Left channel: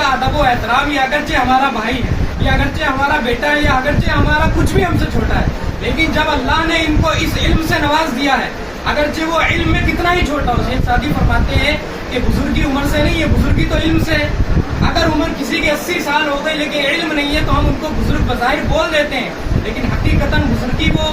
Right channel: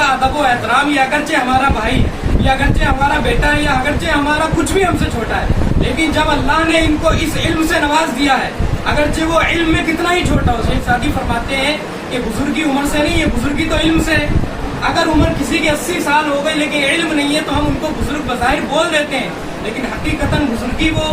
का अदब व एहतराम, या अगरचे हमारा भाई है, या अगरचे हमारा बेटा है, या अगरचे हमारा कुछ भी हमसे छोटा है, लेकिन जब अल्लाह ने इनको इस इल्म से नवाज दिया है, अगरचे वो इल्म में कितना ही छोटा हो। शेख सादी फरमाते हैं कि बुजुर्गी उम्र से नहीं है, बुजुर्गी तो इल्म से है। अगर उम्र किसी की 80 साल हो गई लेकिन इल्म नहीं है तो हम उनको बुजुर्ग बज़ाहिर बोल देते हैं, लेकिन हकीकतन बुजुर्गी वो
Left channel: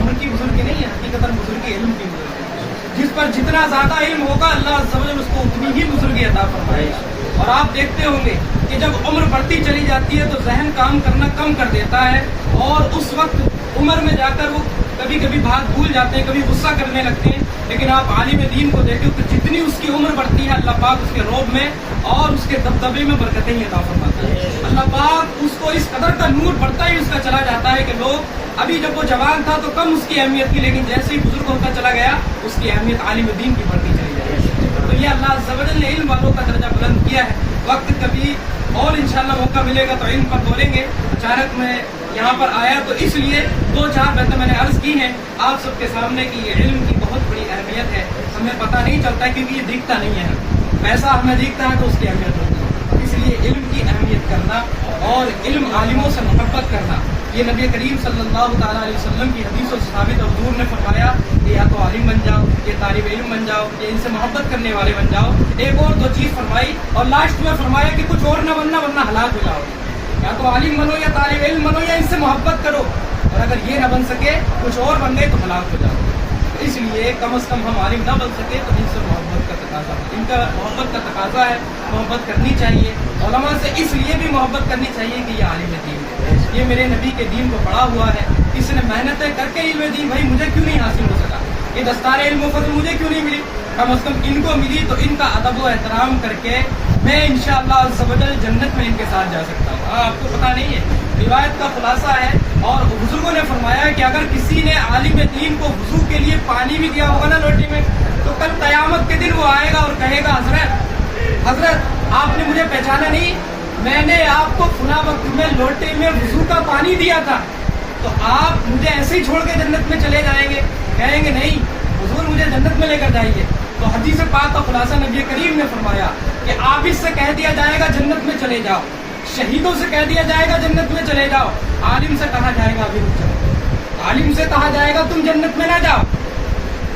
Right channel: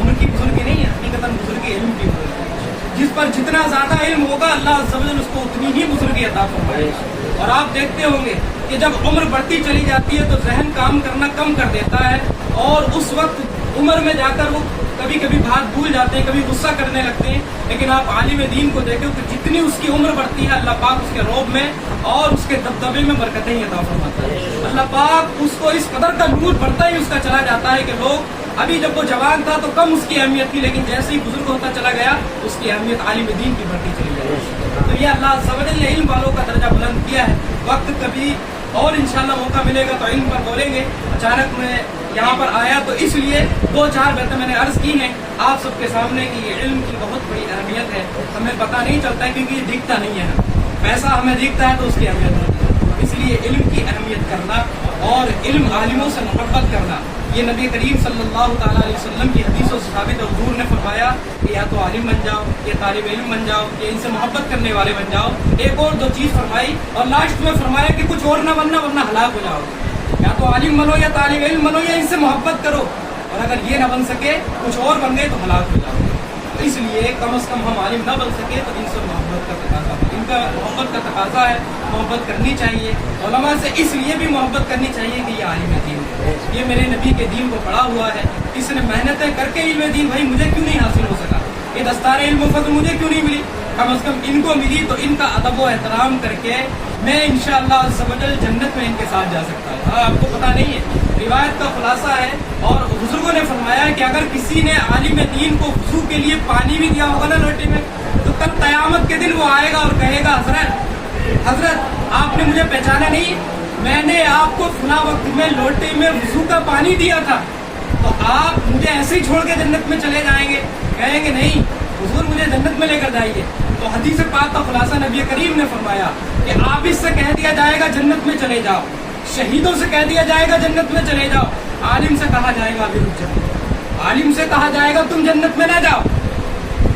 उम्र की बुजुर्गी नहीं है, हकीकतन बुजुर्गी इल्म की बुजुर्गी है। जिस पर जितना ज्यादा इल्म होगा अल्लाह अज़्ज़ व जल उसको उतनी ही बुजुर्गी अता फरमाएगा। और आप देखते होंगे कि जब उम्र बढ़ती चली जाती है तो जहन काम करना कम कर देता है, और उस वक्त उम्र में जाकर वो कभी कभी बात भूल जाते हैं, कभी गुस्सा करने लगते हैं। लेकिन आप आलिम दीन को देखो तो जितनी उसकी उम्र बढ़ती है अल्लाह पाक उसके रौब में और उसके दबदबे में बरकतें ही अता फरमाता है। अल्लाह पाक उसको इस कदर का नूर बढ़ता ही उसका चला जाता है कि लोग अभी जब वो जवान था तो कम उसकी अहमियत थी, लेकिन जैसे ही बुजुर्ग होता चला गया उसकी अहमियत आलिम दीन की बढ़ती चली जाएगी। तो ये अल्लाह अज़्ज़ व जल ने इल्म वालों का दर्जा बुलंद किया है। वक्त कभी और इंशाअल्लाह मौका मिलेगा तो इल्म पर बोलेंगे। अचानक मैं यहाँ पर आया तो इसलिए 2-4 बातें मैंने अर्ज की हैं आप सबके सामने कि ये इल्म की बहुत बड़ी अहमियत है। हमें पता नहीं चलता है क्योंकि ये दिखता नहीं है, पैसा हमें दिखता है तो उसकी अहमियत नहीं है। इसलिए इल्म की अहमियत करना और इल्म आलिमों से मोहब्बत करना, ये नबी करीम सल्लल्लाहु ताला अलैहि वसल्लम की हदीसों से साबित और दूर ने फरमाया कि या तो आलिम बन जाओ, ये तालिब इल्म बन जाओ, ये इनसे मोहब्बत करने वाले बन जाओ। एक और 2 चीज फरमाई और लास्ट में फरमाया कि कुछ और न बनना वरना हलाक हो जाओ। या तो आलिम बनो या तालिब इल्म बनो या इनसे मोहब्बत करो, और अगर ये न बन सके कुछ और बन गए तो हलाक हो जाओ। तो इसलिए कम अज कम हम आलिम न बन सके तो इनसे मोहब्बत का तकाजा है, इनका मोहब्बत का तकाजा है, मोहब्बत करनी चाहिए। उलमा से इसलिए भी मोहब्बत करनी चाहिए कि ये आलिम दीन है, ये मेरे नबी के दीन को पढ़ा हुआ है, इसने मेहनतें करके इल्म दीन भाई मुझे क्यों नहीं हासिल हो सका, ये दस्तार इल्म फज़ल मुझे क्यों नहीं मिली, कम अज कम इनको मिली तो इनका अदब व एहतराम करके मैं इंशाअल्लाह अज़्ज़ व जल जन्नत में इनके साथ जा सकता हूँ। हाँ, आपको पता नहीं है, रिवायत का खुलासा है और बुजुर्गों ने फरमाया है कि अगर किसी ने आलिम दीन को वुज़ू के लिए पानी भी दिया होगा ना लोटे में, तो कल क़यामत के दिन वो आएगा और कहेगा हजरत आपने मुझे पहचाना नहीं, मैंने आपको फला वक्त में लोटे में वुज़ू का पानी दिया था, तो आप मुझे ऐसे ही छोड़ के जन्नत में चले जाएंगे? कहेंगे नहीं हुजूर मुझे जन्नत में लेकर जाइए। तो हदीस पाक का खुलासा नबी करीम ने फरमाया कि आप इससे कह दिया जाएगा जन्नत में चले जाओ, शहीदों से कह दिया जाएगा जन्नत में चले जाओ, आलिम से कहा जाएगा अभी रुक जाओ, आलिम से कहा जाएगा तुम जन्नत में ना जाओ।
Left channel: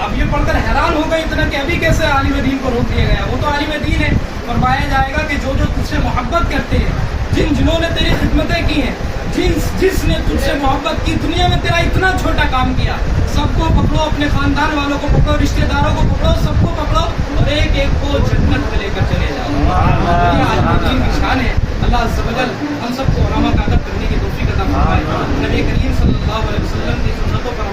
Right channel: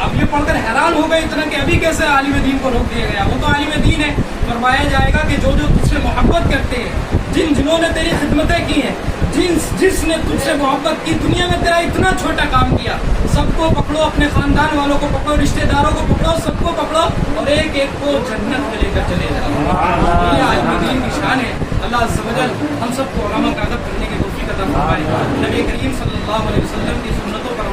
अब ये पढ़कर हैरान हो गए इतना कि अभी कैसे आलिम दीन को रोक दिया गया, वो तो आलिम दीन है। फरमाया जाएगा कि जो जो तुझसे मोहब्बत करते हैं, जिन्होंने तेरी खिदमतें की हैं, जिसने तुझसे मोहब्बत की, दुनिया में तेरा इतना छोटा काम किया, सबको पकड़ो, अपने खानदान वालों को पकड़ो, रिश्तेदारों को पकड़ो, सबको पकड़ो और एक एक को जन्नत में लेकर चले जाओ। ये आलिम दीन की शान है। अल्लाह अज़्ज़ व जल हम सबको उलमा का अदब करने की तौफीक अता फरमाए, नबी करीम सल्लल्लाहु अलैहि वसल्लम की सुन्नतों पर